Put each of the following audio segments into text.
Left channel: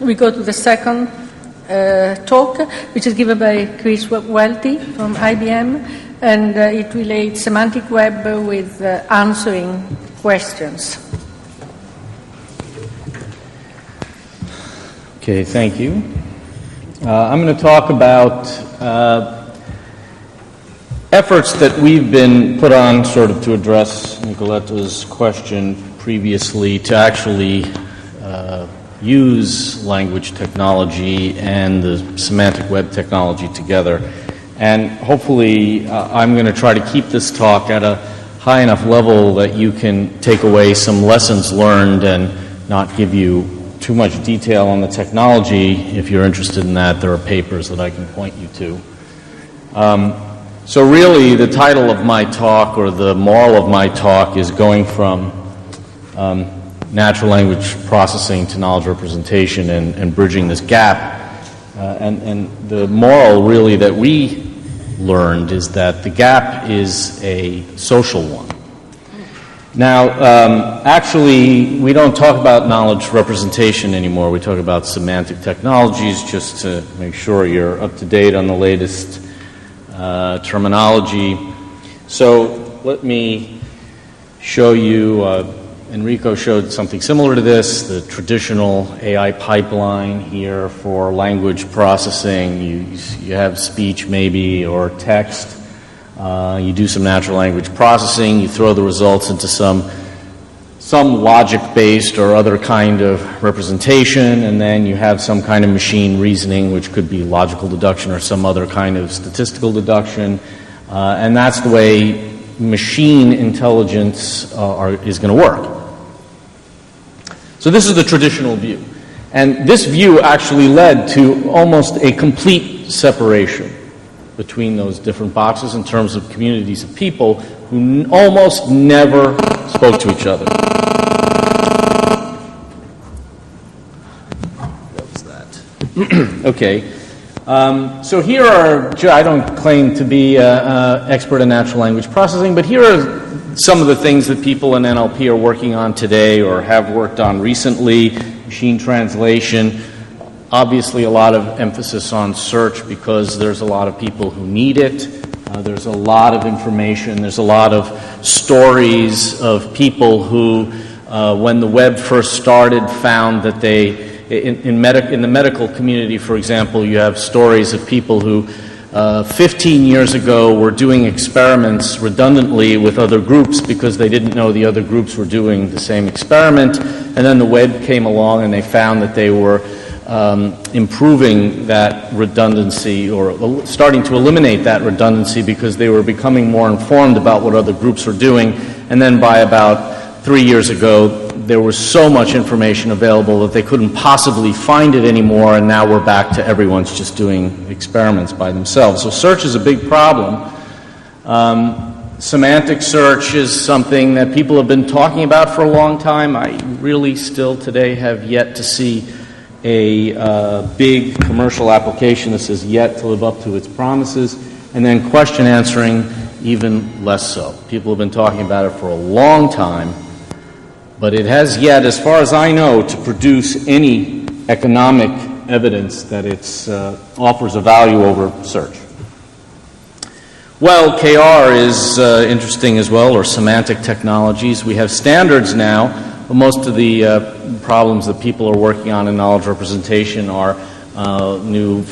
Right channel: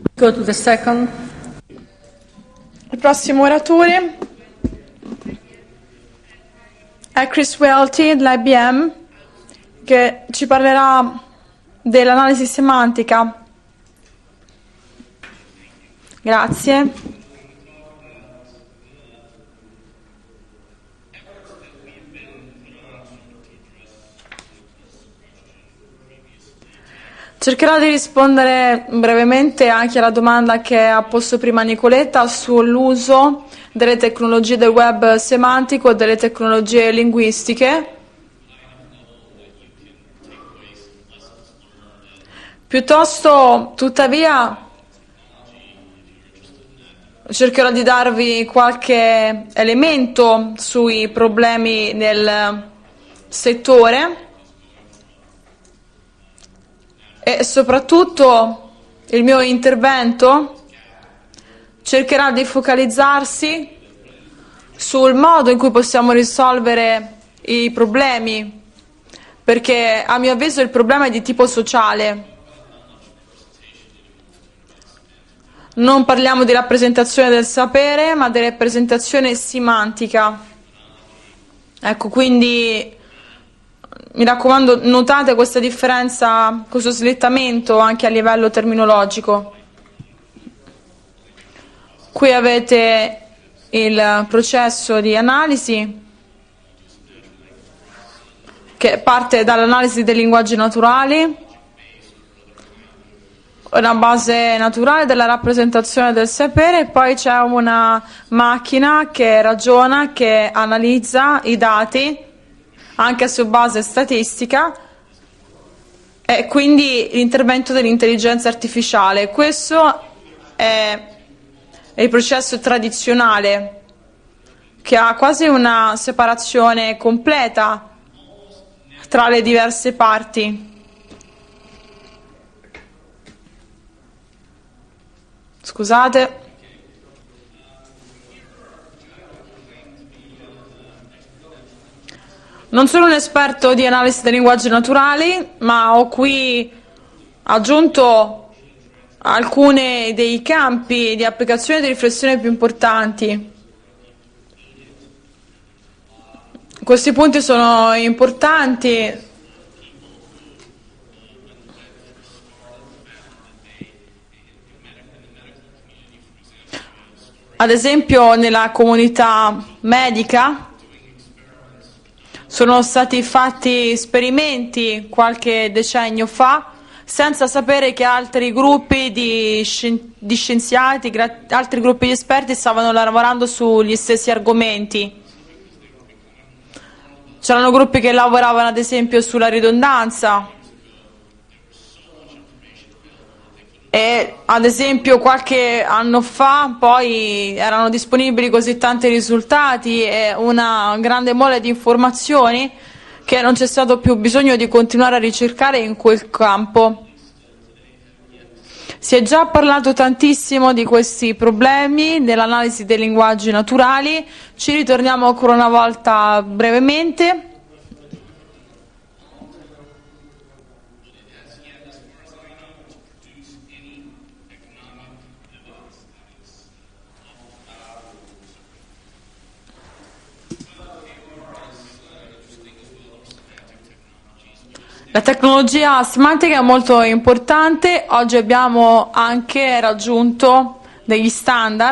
We go to the second talk, which is given by Chris Welty from IBM, and it relates semantic web with answering che ci parlerà dell'analisi semantica. Okay, thank you. Grazie. I'm going to talk about efforts that we've been put on sort of to address Nicoletta's question previously to actually cercherò di rispondere brevemente anche alla domanda che ha posto prima Nicoletta sull'uso delle tecnologie del web semantico e delle tecnologie linguistiche. High enough level that you can take away some lessons learned and not give you too much detail on the technology. If you're interested in that, there are papers. Cercherò di darvi qualche elemento so really the title of my talk, or the moral of my talk, is going from natural language processing to knowledge representation and bridging this gap. Cercherà di focalizzarsi sul modo in cui possiamo risolvere i problemi, perché a mio avviso il problema è di tipo sociale. We don't talk about knowledge representation anymore. We talk about semantic technologies. Non parliamo di rappresentazione del sapere, ma di rappresentazione semantica. Terminology. Ecco, quindi mi raccomando, notate questa differenza, questo slittamento anche a livello terminologico. Qui avete il processo di analisi you do some natural language processing, you throw the che results parte into dall'analisi dei linguaggi naturali, some logic-based or other kind of representation, and then you have some kind of machine reasoning, which could be logical deduction or some other kind of statistical deduction, and that's the way machine intelligence is going to work. E quindi l'intervento dell'intelligenza artificiale. And this view actually led to almost a complete separation between those different processes in terms of communities of people who almost never spoke to each other. Scusate. Okay. So here are, I don't claim to be an expert in natural language processing, but here are some of the things that people in NLP are working on today or have worked on recently. Machine translation, obviously a lot of emphasis on search because there's a lot of people who need it. There's a lot of information, there's a lot of stories of people who, when the web first started, found that they in the medical community, for example, you have stories of people who 15 years ago were doing experiments redundantly with other groups because they didn't know the other groups were doing the same experiment, and then the web came along and they found that they were improving that redundancy, or starting to eliminate that redundancy because they were becoming more informed about what other groups were doing, and then by about 3 years ago there was so much information available that they couldn't possibly find it anymore, and now we're back to everyone's just doing experiments by themselves. So search is a big problem. Semantic search is something that people have been talking about for a long time. I really still today have yet to see si è già parlato tantissimo di questi problemi dell'analisi dei linguaggi naturali. Ci ritorniamo ancora una volta brevemente. People have been talking about it for a long time. But it has yet, as far as I know, to produce any economic evidence that it offers a value over search. Well, KR is interesting as well, or semantic technologies. We have standards now. Most of the problems that people are working on in knowledge representation are new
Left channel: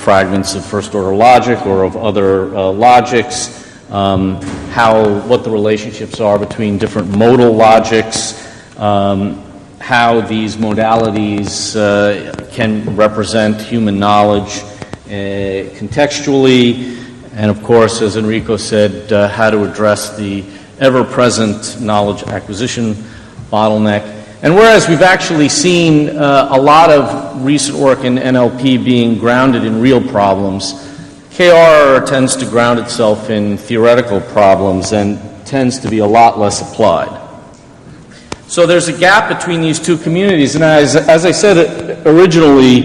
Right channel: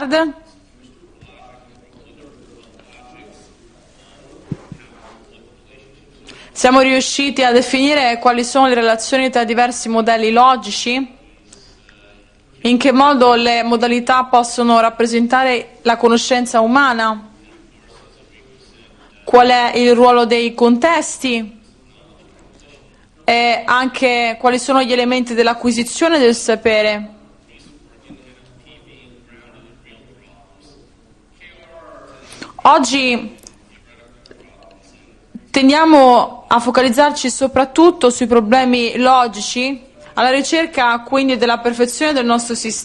fragments of first-order logic or of other logics. What the relationships are between different modal logics, quali sono le relazioni tra diversi modelli logici, in che modo le modalità possono rappresentare la conoscenza umana, and of course, as Enrico said, qual è il ruolo dei contesti, ever-present knowledge acquisition bottleneck. And whereas we've actually seen a lot of recent work in NLP being grounded in real problems, KR tends to ground itself in theoretical problems and tends to be a lot less applied. Focalizzarci soprattutto sui problemi so there's a gap between these two communities, and as I said originally,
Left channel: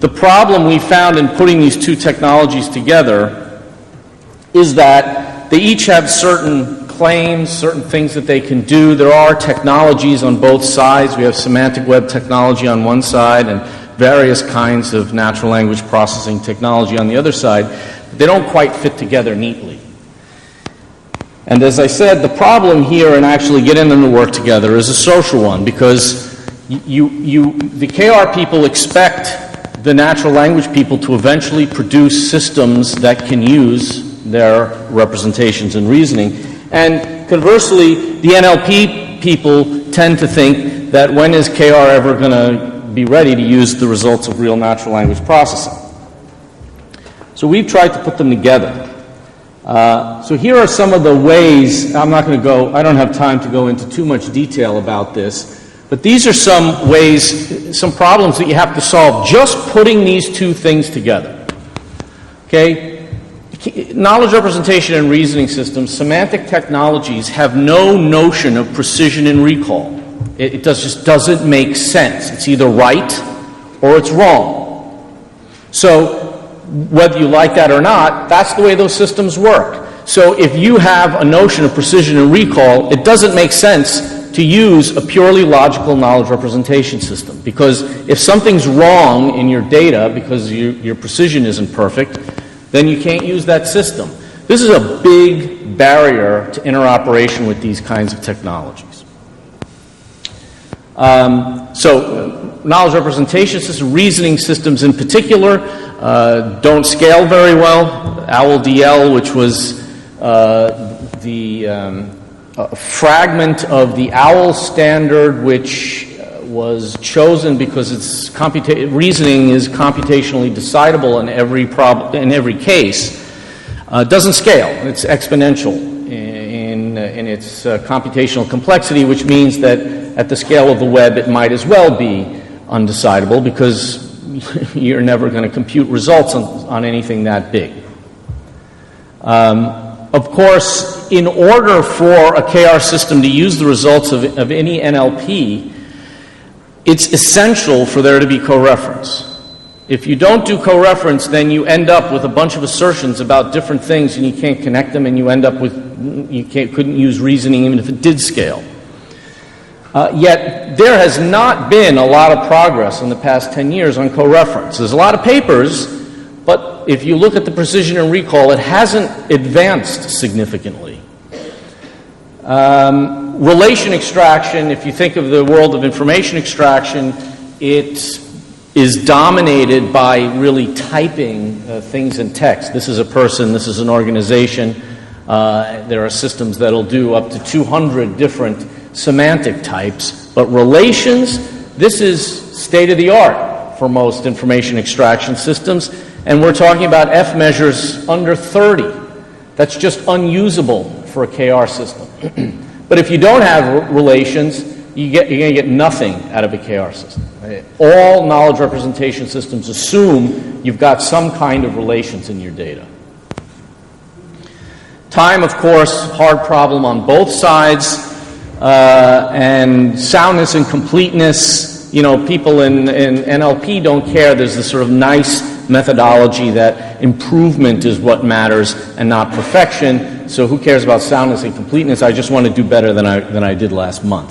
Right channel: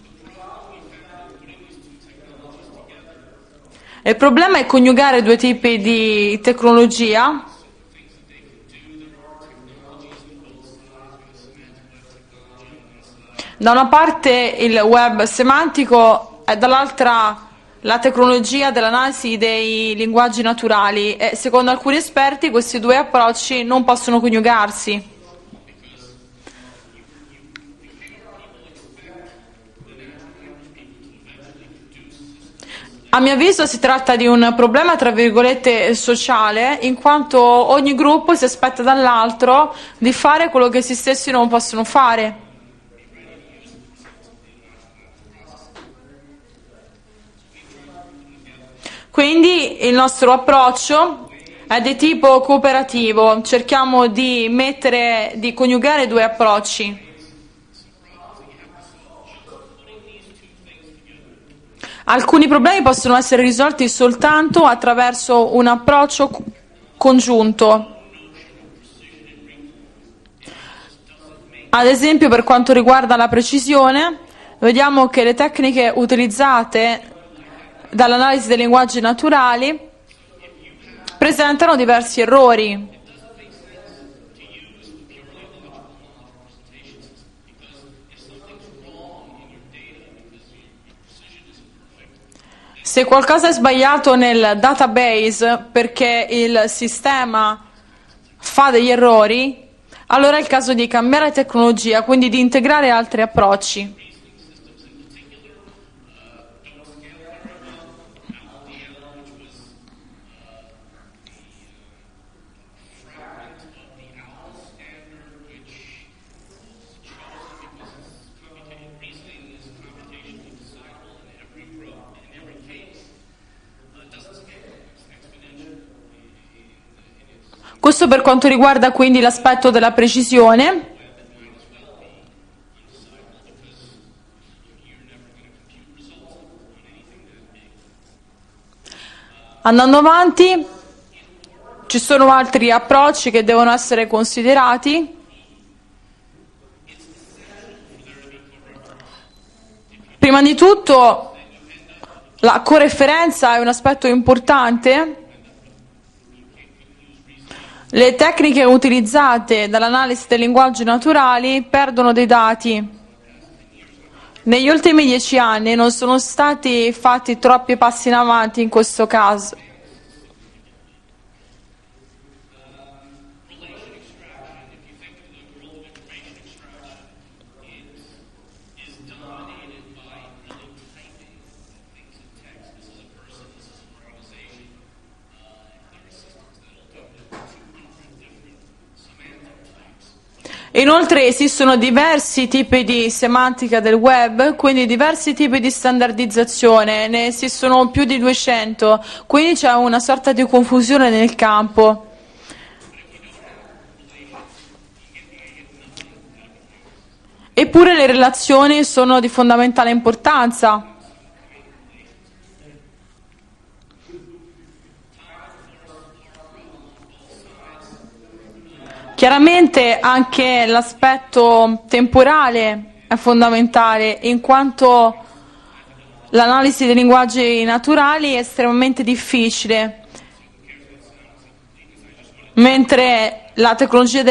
the problem we found in putting these two technologies together Il problema è coniugare due tipi they each have di certain tecnologia. claims, certain things that they can do. There are technologies on both sides. We have semantic web technology on one side and various kinds of natural language processing technology on the other side. They don't quite fit together neatly. Linguaggi naturali. And as I said, the problem here in actually getting them to work together is a social one, because the KR people expect the natural language people to eventually produce systems that can use their representations and reasoning. And conversely, the NLP people tend to think that when is KR ever going to be ready to use the results of real natural language processing? So we've tried to put them together. Quindi il nostro so here are some of the ways, I'm not going to go, I don't have time to go into too much detail about this, but these are some ways, some problems that you have to solve just putting these two things together. Alcuni problemi possono essere risolti soltanto soltanto representation and reasoning attraverso un systems, approccio semantic technologies congiunto. have no notion of precision and recall. It just doesn't make Ad sense. esempio, per It's quanto either riguarda right la or precisione, it's wrong. vediamo che le tecniche So, utilizzate whether you like that or not, that's the way those systems work. So if you have a notion of precision and recall, it doesn't make sense to use a purely logical knowledge representation system, because if something's wrong in your data because your precision isn't perfect, then you can't use that system. This is a big barrier to interoperation with these kinds of technology. Fa degli errori. Allora è il caso di cambiare tecnologia, quindi di integrare altri representation approcci. systems, reasoning systems in particular, don't scale very well. OWL, which was the fragment of the OWL standard, which was chosen because its reasoning is computationally decidable in every case, doesn't scale. It's exponential in its computational complexity, which means that at the scale of the web it might as well be undecidable, because you're never going to compute results on anything that big. Of course, in order for a KR system to use the results of any NLP, it's essential for there to be coreference. If you don't do co-reference, then you end up with a bunch of assertions about different things and you can't connect them, and you end up with couldn't use reasoning even if it did scale. Yet there has not been a lot of progress in the past 10 years on co-reference. There's a lot of papers, but if you look at the precision and recall, it hasn't advanced significantly. Relation extraction, if you think of the world of information extraction, it is dominated by really typing things in text. This is a person, this is an organization. There are systems that'll do up to 200 different semantic types, but relations, this is state-of-the-art for most information extraction systems, and we're talking about F measures under 30. That's just unusable for a KR system. But if you don't have relations, you're going to get nothing out of a KR system. Eppure le relazioni sono di fondamentale importanza. You've got some kind of relations in your data. Time, of course, hard problem on both sides. And soundness and completeness, people in NLP don't care. There's this sort of nice methodology that improvement is what matters and not perfection. So who cares about soundness and completeness? I just want to do better than I did last month. And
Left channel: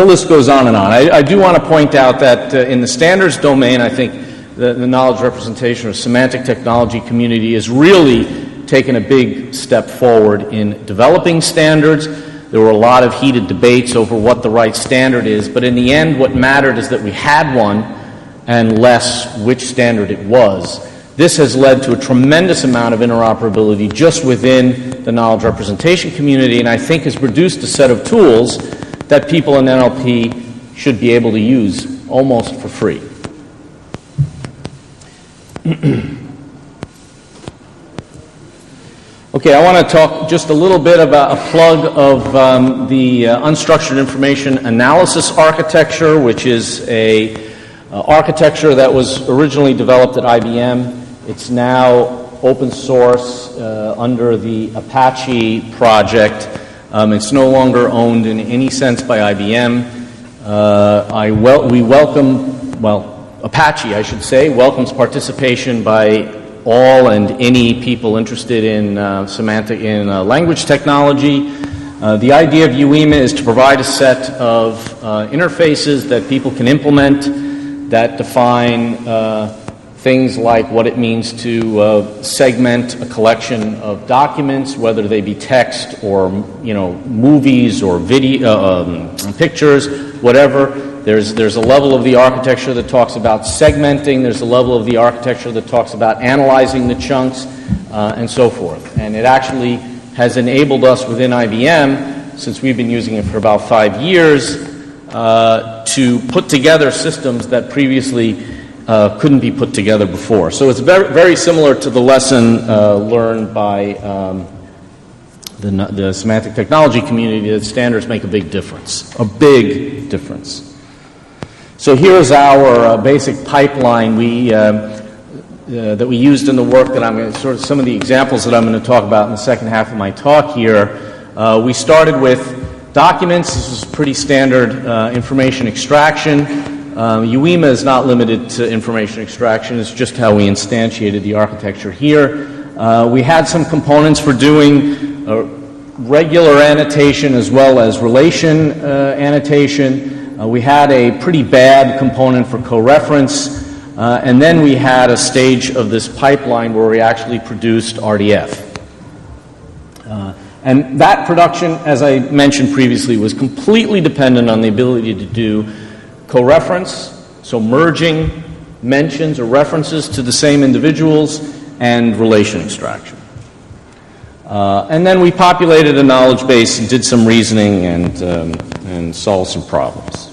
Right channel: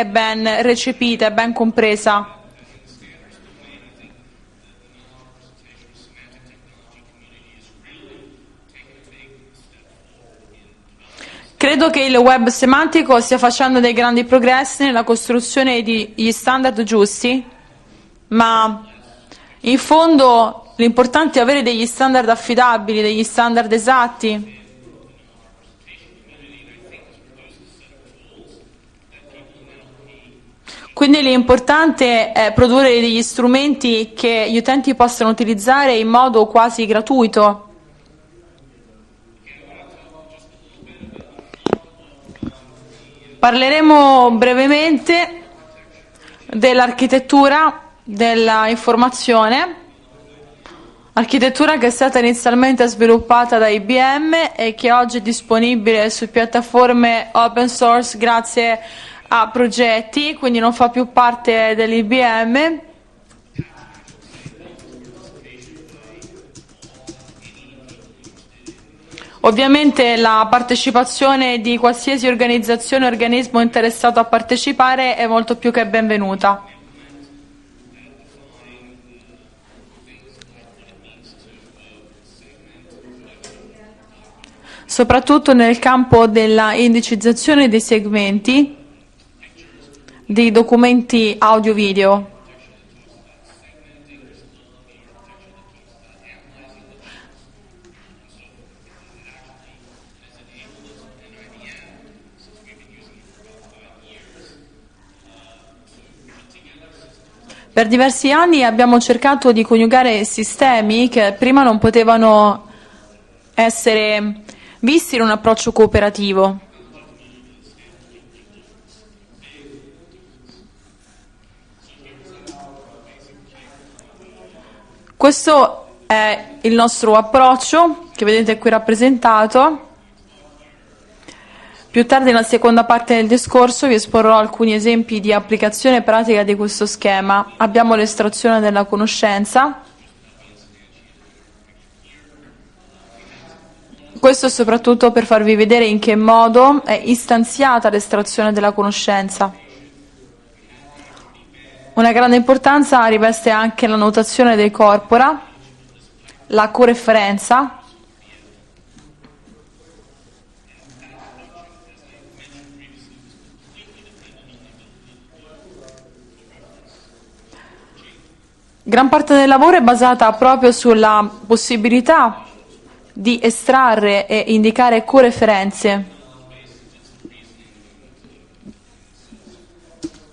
the list goes on and on. I do want to point out that in the standards domain, I think the knowledge representation or semantic technology community is really taken a big step forward in developing standards. There were a lot of heated debates over what the right standard is, but in the end what mattered is that we had one, and less which standard it was. This has led to a tremendous amount of interoperability just within the knowledge representation community, and I think has produced a set of tools that people in NLP should be able to use l'importante è produrre degli strumenti che gli utenti possano utilizzare in modo quasi gratuito. Okay, I want to talk just a little bit about a plug of the unstructured information analysis architecture, which is a architecture that was originally developed at IBM. Architettura che è stata inizialmente sviluppata da IBM e che oggi è disponibile su piattaforme open source grazie a progetti, quindi non fa più parte dell'IBM. Well, Apache, I should say, welcomes participation by all and any people interested in semantic and language technology. The idea of UEMA is to provide a set of interfaces that people can implement that define things like what it means to segment a collection of documents, whether they be text or movies or video, pictures, whatever. There's a level of the architecture that talks about segmenting. There's a level of the architecture that talks about analyzing the chunks and so forth. And it actually has enabled us within IBM, since we've been using it for about 5 years, to put together systems that previously couldn't be put together before. So it's very similar to the lesson learned by visti in un approccio the semantic technology community, that standards make a big difference, So here's our basic pipeline that we used in the work, and some of the examples that I'm going to talk about in the second half of my talk here. We started with documents, pretty standard information extraction. UEMA is not limited to information extraction, it's just how we instantiated the architecture here. We had some components for doing regular annotation as well as relation annotation. We had a pretty bad component for co-reference, and then we had a stage of this pipeline where we actually produced RDF. And that production, as I mentioned previously, was completely dependent on the ability to do co-reference, so merging mentions or references to the same individuals, and relation extraction. Di estrarre e indicare and then we populated a knowledge base and did some reasoning and solved some problems.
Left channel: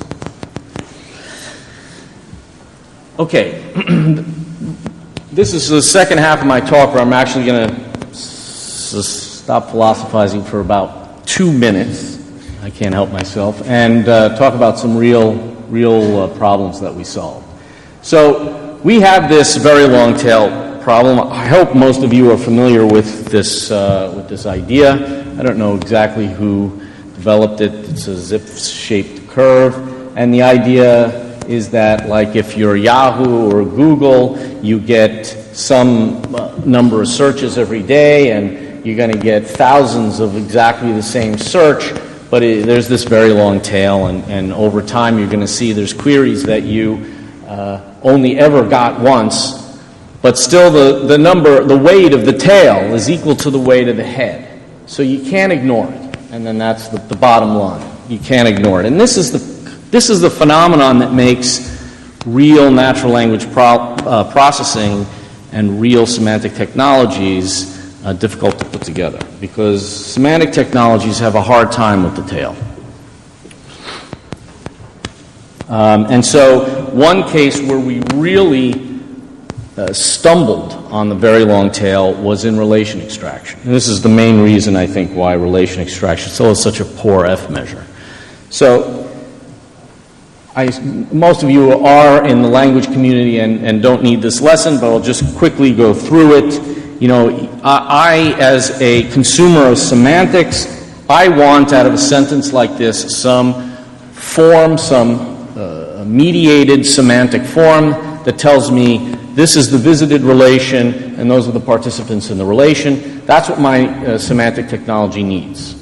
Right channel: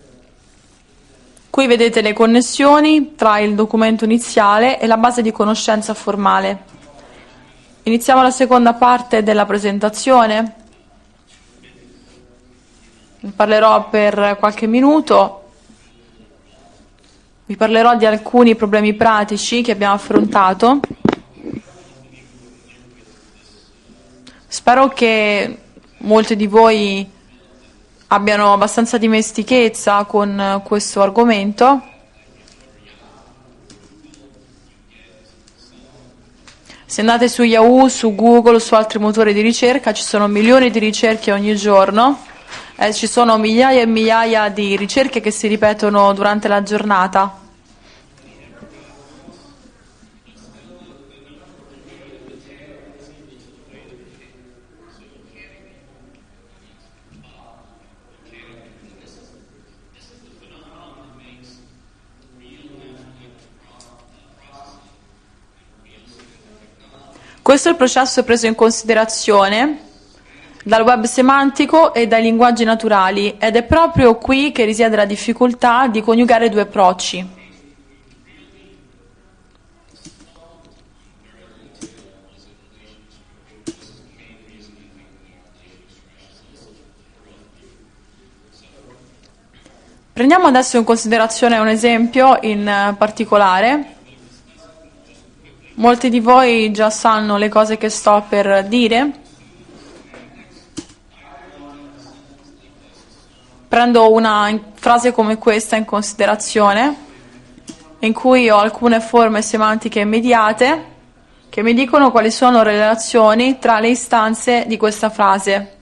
Qui vedete le connessioni tra il documento iniziale e la base di conoscenza This is the second half of my talk where I'm actually going to iniziamo la seconda parte della presentazione. For about 2 minutes. I can't help myself. Parlerò and per talk about some minuto. real problems that we solve. Vi parlerò di alcuni problemi we have this pratici very che abbiamo long tail affrontato. problem. I hope most of you are familiar with this idea. Spero che I don't know exactly molti di who voi developed it. abbiano abbastanza dimestichezza con questo argomento. Is that like if you're Yahoo or Google, you get some number of searches every day, su Google, su altri motori di ricerca, ci sono milioni di ricerche ogni giorno, e ci sono migliaia e migliaia di ricerche che si ripetono durante la giornata. Only ever got once, but still the weight of the tail is equal to the weight of the head. So you can't ignore it. And then that's the bottom line. You can't ignore it. And this is the phenomenon that makes real natural language processing and real semantic technologies Questo è il processo preso in considerazione dal web semantico e dai linguaggi naturali, ed è proprio qui che risiede la difficoltà di coniugare i due approcci. One case where we really stumbled on the very long tail was in relation extraction. And this is the main reason, I think, why relation extraction still is such a poor F measure. So prendiamo adesso in considerazione un esempio in particolare. And don't need this lesson, but I'll just quickly go Molti through di voi già sanno le cose che sto per as dire. a consumer of semantics, I want out of a sentence like this some Prendo una form, frase come questa in mediated considerazione, semantic form in cui that ho tells me alcune forme this is the semantiche visited mediate relation and those are the che mi dicono quali participants in the sono le relation. That's relazioni what tra le my istanze semantic di questa technology frase. needs.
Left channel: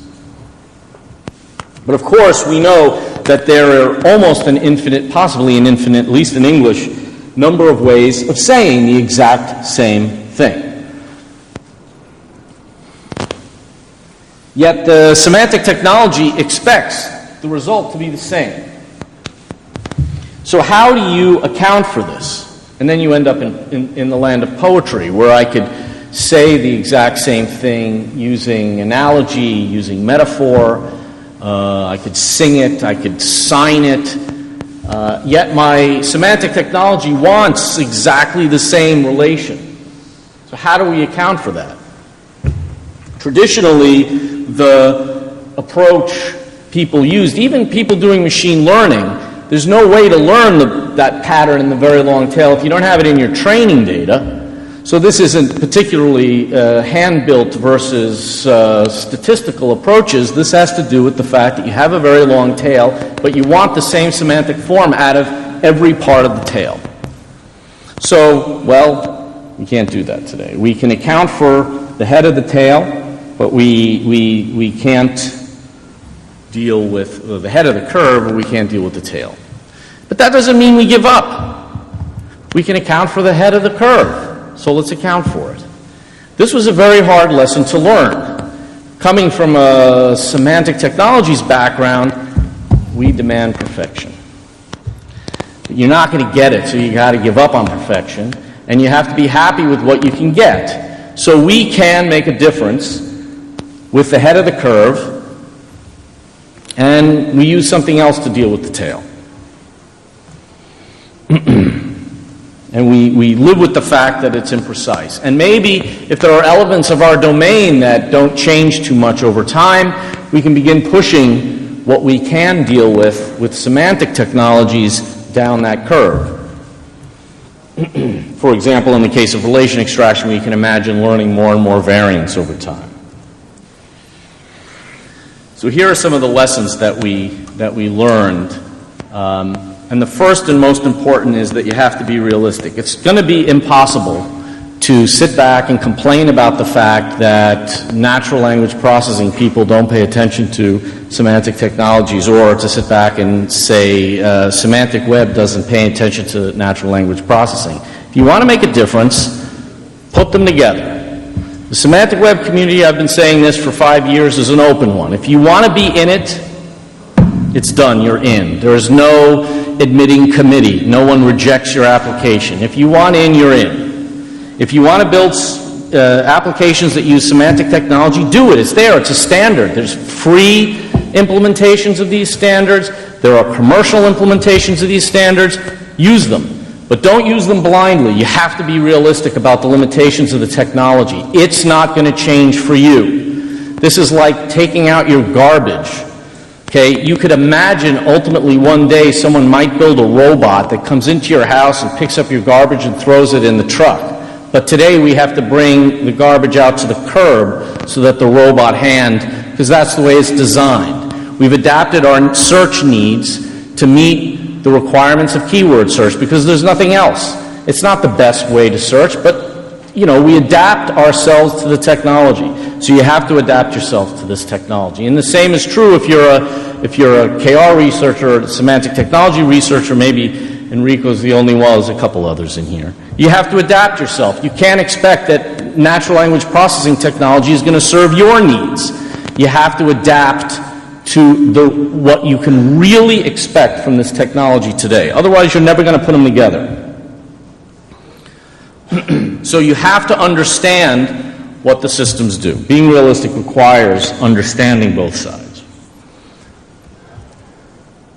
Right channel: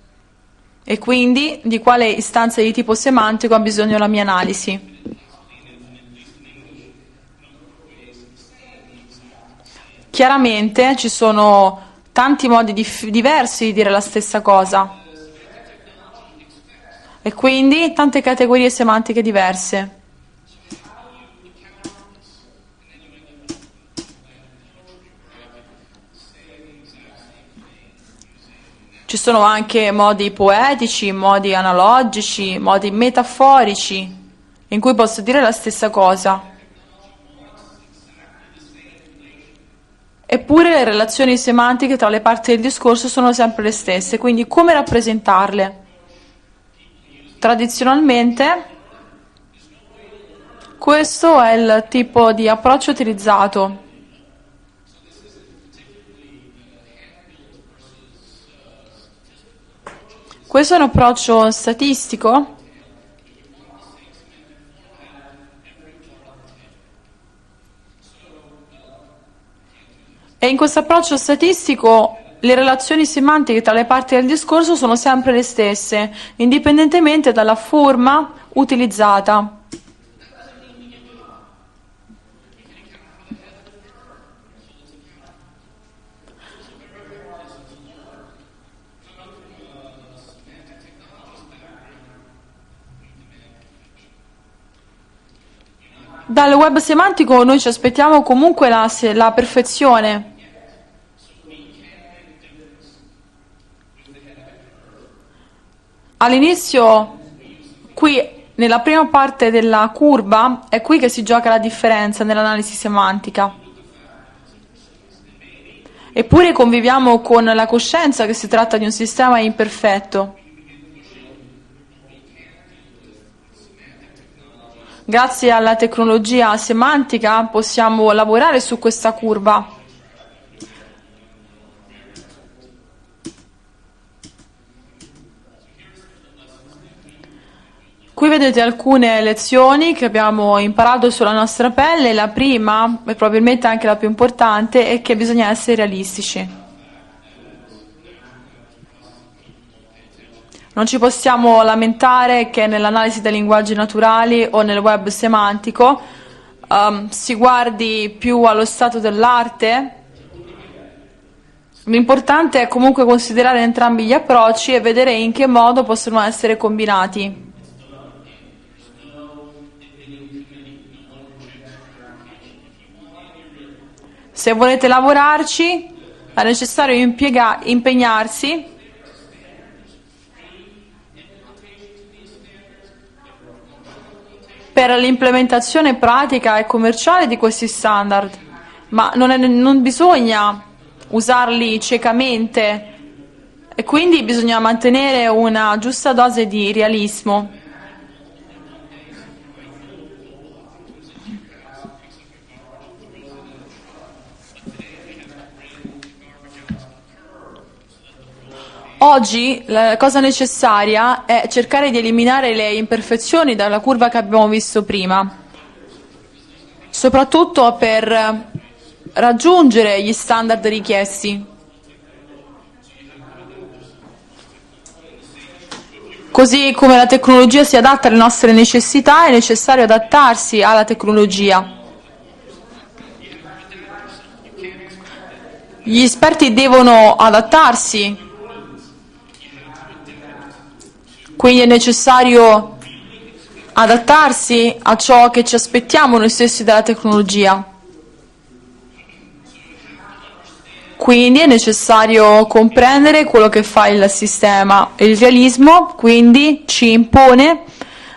E quindi di But quale of course, istanza we di know tipo that semantico ha there bisogno are la mia almost an analisi. infinite, possibly an infinite, at least in English, number of ways of saying the exact same thing. Chiaramente ci sono tanti modi diversi di dire la stessa cosa. Yet semantic technology expects E quindi tante categorie semantiche diverse. So how do you account for this? And then you end up in the land of poetry, where I could say the exact same thing using analogy, Ci sono anche using modi metaphor, poetici, modi analogici, modi metaforici, in cui posso dire la yet stessa my cosa. semantic technology wants exactly the same relation. Eppure le relazioni semantiche tra le parti del discorso sono sempre le stesse, quindi come rappresentarle? Approach people used, even people doing machine learning, there's no way to learn that pattern in the very long tail if you don't have it in your training data. So this isn't particularly hand-built versus statistical approaches. This has to do with the fact that you have a very long tail, but you want the same semantic form out of every part of the tail. So, well, We can't do that today. E in questo approccio statistico le relazioni semantiche tra le parti del discorso sono sempre le stesse, indipendentemente dalla forma utilizzata. But that doesn't mean we give up. We can account for the head of the curve, so let's account for it. This was a very hard lesson to learn. Coming from a semantic technologies background, we demand perfection. You're not going to get it, so you got to give up on perfection, and you have to be happy with what you can get. So we can make a difference with the head of the curve, all'inizio, and we use something else to deal with nella the prima tail. parte della curva, è qui che si gioca la differenza nell'analisi And semantica. we live with the fact that it's imprecise. And maybe if there are elements of our domain that don't change too much over time, we can begin pushing what we can deal with semantic technologies Grazie down alla that curve. tecnologia semantica possiamo lavorare For example, su in the questa case of curva. relation extraction, we can imagine learning more and more variance over time. So here are some of the lessons that we Qui learned. vedete alcune lezioni And che the first abbiamo and most imparato sulla important is that nostra you have to pelle. be La realistic. prima, It's going to be probabilmente anche la più impossible importante, è to che sit bisogna back essere and complain realistici. about the fact that natural language processing people don't pay attention to Non ci possiamo semantic technologies, lamentare or che to sit back nell'analisi dei and linguaggi say naturali o semantic nel web web doesn't pay semantico, attention to natural language si processing. guardi If you want to make a più allo stato difference, dell'arte. put them together. The semantic web L'importante è community, I've been comunque saying this considerare for 5 entrambi gli years, is an approcci e open vedere one. If in you che want to modo be in possono it, essere combinati. it's done, you're in. There is no admitting committee. No one rejects your application. If you want in, you're in. Se If volete you want to build lavorarci, applications that use semantic technology, do it. It's there. It's a standard. There's free implementations of these standards. There are commercial implementations of these standards. Use them. But don't use them blindly. You have to be realistic about the limitations of the technology. It's not going to change for you. This is like taking out your garbage. Okay, you could imagine ultimately one day someone might build a robot that comes into your house and picks up your garbage and throws it in the truck. But today we have to bring the garbage out to the curb so that the robot hand, because that's the way it's designed. We've adapted our search needs to meet the requirements of keyword search because there's nothing else. It's not the best way to search, but we adapt ourselves to the technology. So you have to adapt yourself to this technology. And the same is true if you're a Così come la tecnologia si adatta alle nostre necessità, è necessario adattarsi alla tecnologia. There's a couple others in here. You have to adapt yourself. You can't expect that natural language processing technology is going to serve your needs. You have to adapt to what you can really expect from this technology today. Otherwise, you're never going to put them together. So you have to understand Quindi è what the necessario systems do. comprendere quello che fa il sistema. Il realismo quindi ci impone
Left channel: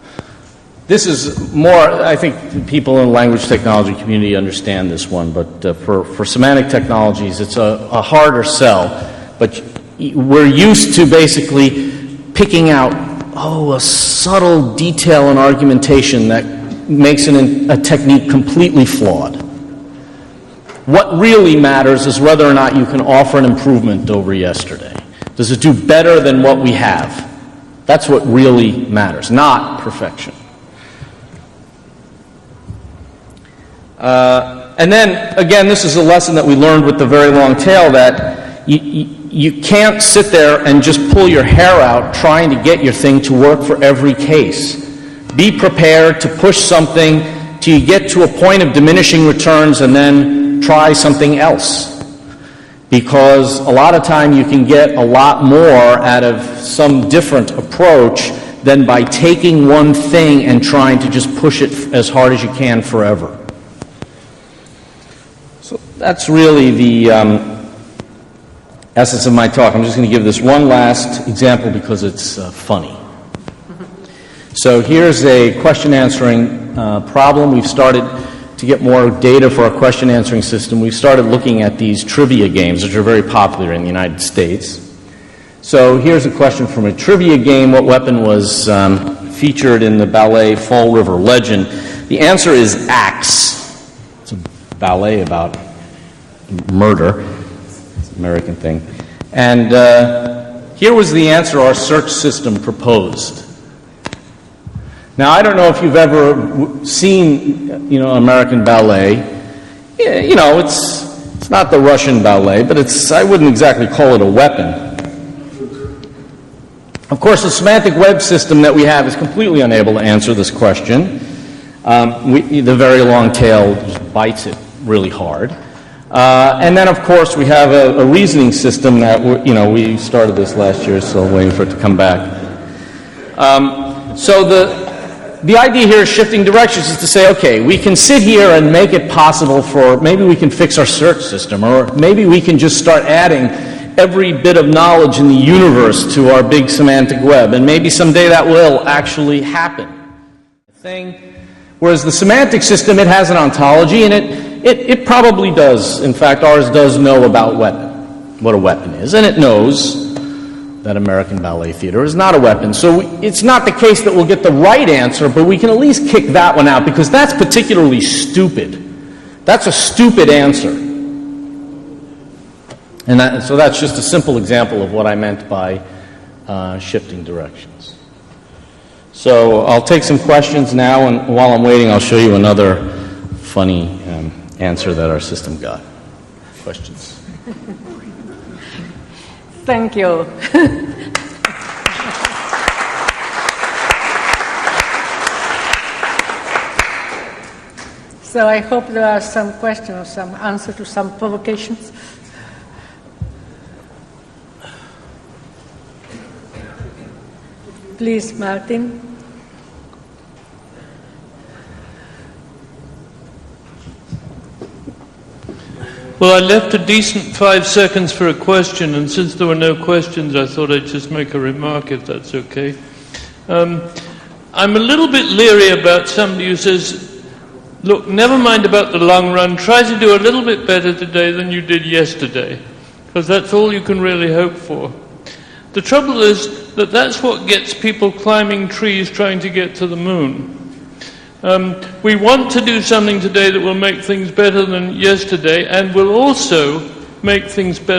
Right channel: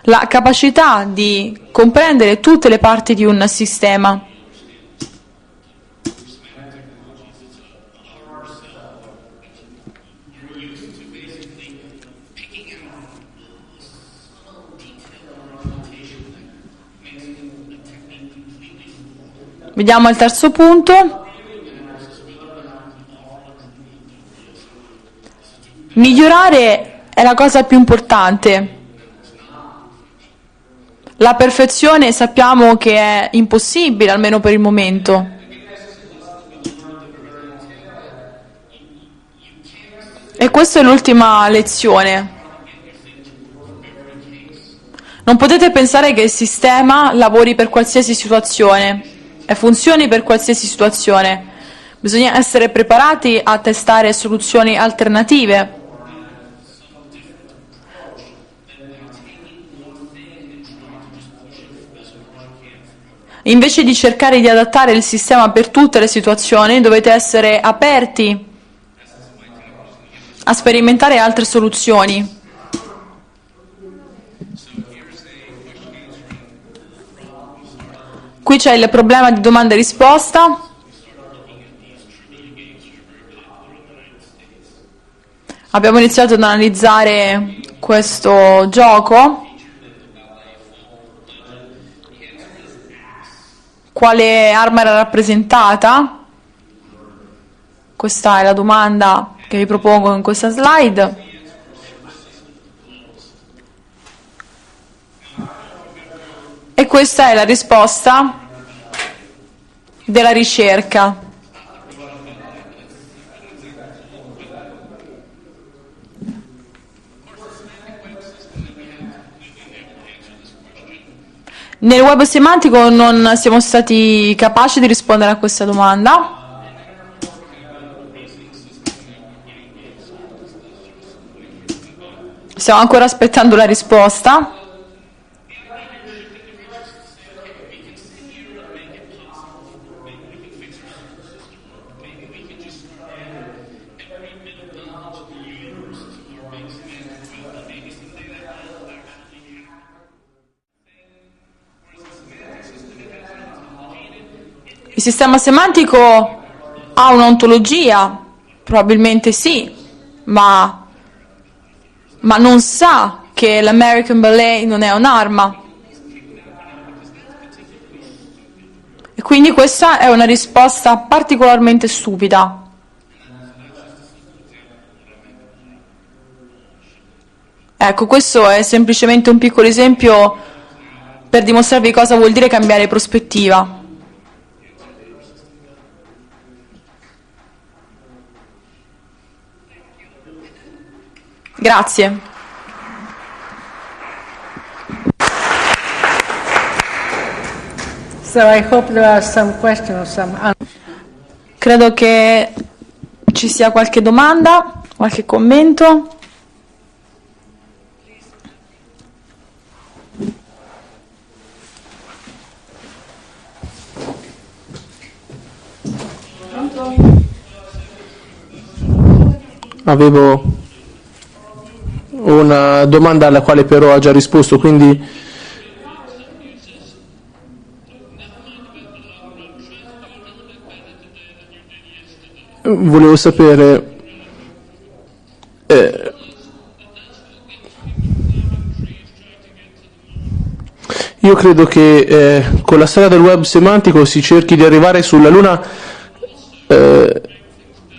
la capacità di comprendere tutte le parti di un sistema. Understand this one, but for semantic technologies, it's a harder sell. But we're used to basically picking out a subtle detail in argumentation that makes a technique completely flawed. Vediamo il terzo punto. What really matters is whether or not you can offer an improvement over yesterday. Does it do better than what we have? È la cosa più That's what importante. really matters, not perfection. La perfezione sappiamo che è impossibile, almeno per il momento. And then, again, this is a lesson that we learned with the very long tail, that you can't sit there and just pull your hair out trying to get your thing to work for every case. Non potete pensare che il sistema lavori per qualsiasi situazione, funzioni per qualsiasi situazione. Bisogna essere preparati a testare soluzioni alternative. Than by taking one thing and trying to just push it as hard as you can forever. Invece di cercare di adattare il sistema per tutte le situazioni, dovete essere aperti essence of my talk. I'm just going to give this one a sperimentare last altre example soluzioni. because it's funny. So here's a question answering problem. We've started Qui c'è il problema di domanda e risposta. We've started looking at these trivia games, which are very popular in the United States. So Abbiamo iniziato ad analizzare questo gioco. Featured in the ballet Fall River Legend. The answer is axe. Quale arma era rappresentata? Murder. Questa è la domanda che vi propongo in questa slide. Here was the answer our search system proposed. Now I don't know if you've ever e questa è la risposta American ballet. Della ricerca. not the Russian ballet, but I wouldn't exactly call it a weapon. Of course, the semantic web system that we have is completely unable to answer this question. Nel web semantico non siamo stati capaci di rispondere a questa domanda. And then, of course, we have a reasoning system that we started this last year, so waiting for it to come back. Stiamo ancora aspettando la risposta. So the idea here is shifting directions is to say, okay, we can sit here and make it possible for, maybe we can fix our search system, or maybe we can just start adding every bit of knowledge in the universe to our big semantic web, and maybe someday that will actually happen. Whereas the semantic system, it has an ontology, and it probably does. In fact, ours does know about what a weapon is, and it knows that American Ballet Theater is not a weapon. So it's not the case that we'll get the right answer, but we can at least kick that one out, because that's particularly stupid. Quindi questa è una risposta particolarmente stupida. And so that's just a simple example of what I meant by shifting direction. Ecco, questo è semplicemente un piccolo esempio per dimostrarvi cosa vuol dire cambiare prospettiva. Funny answer that our system got. Questions? Thank you. Grazie. So I hope there are some questions, some answer to some provocation. Credo che ci sia qualche domanda, qualche commento. Please, Martin. Well, I left a decent 5 seconds for a question, and since there were no questions, I thought I'd just make a remark if that's una domanda alla quale però ha già risposto. I'm a little bit leery about somebody who says, look, never mind about the long run, try to do a little bit better today than you did yesterday. Volevo sapere... That's all you can really hope for. The trouble is that that's what gets people climbing trees trying to get to the moon. Io credo che con la storia del web semantico si cerchi di arrivare sulla Luna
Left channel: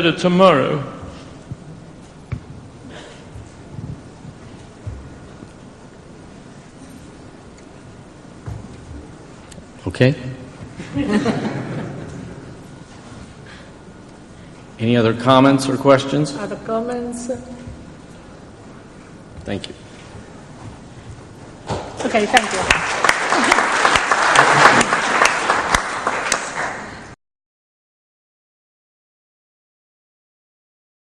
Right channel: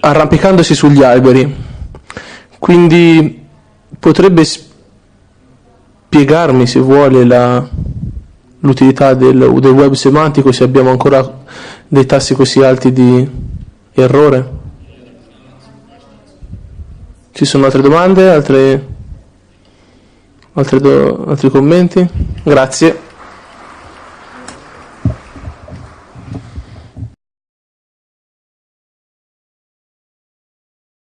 arrampicandosi sugli alberi. Quindi potrebbe spiegarmi, se vuole, l'utilità del web semantico, se abbiamo ancora dei tassi così alti di errore? Any other comments or questions? Ci sono altre domande? Altri commenti? Okay, grazie.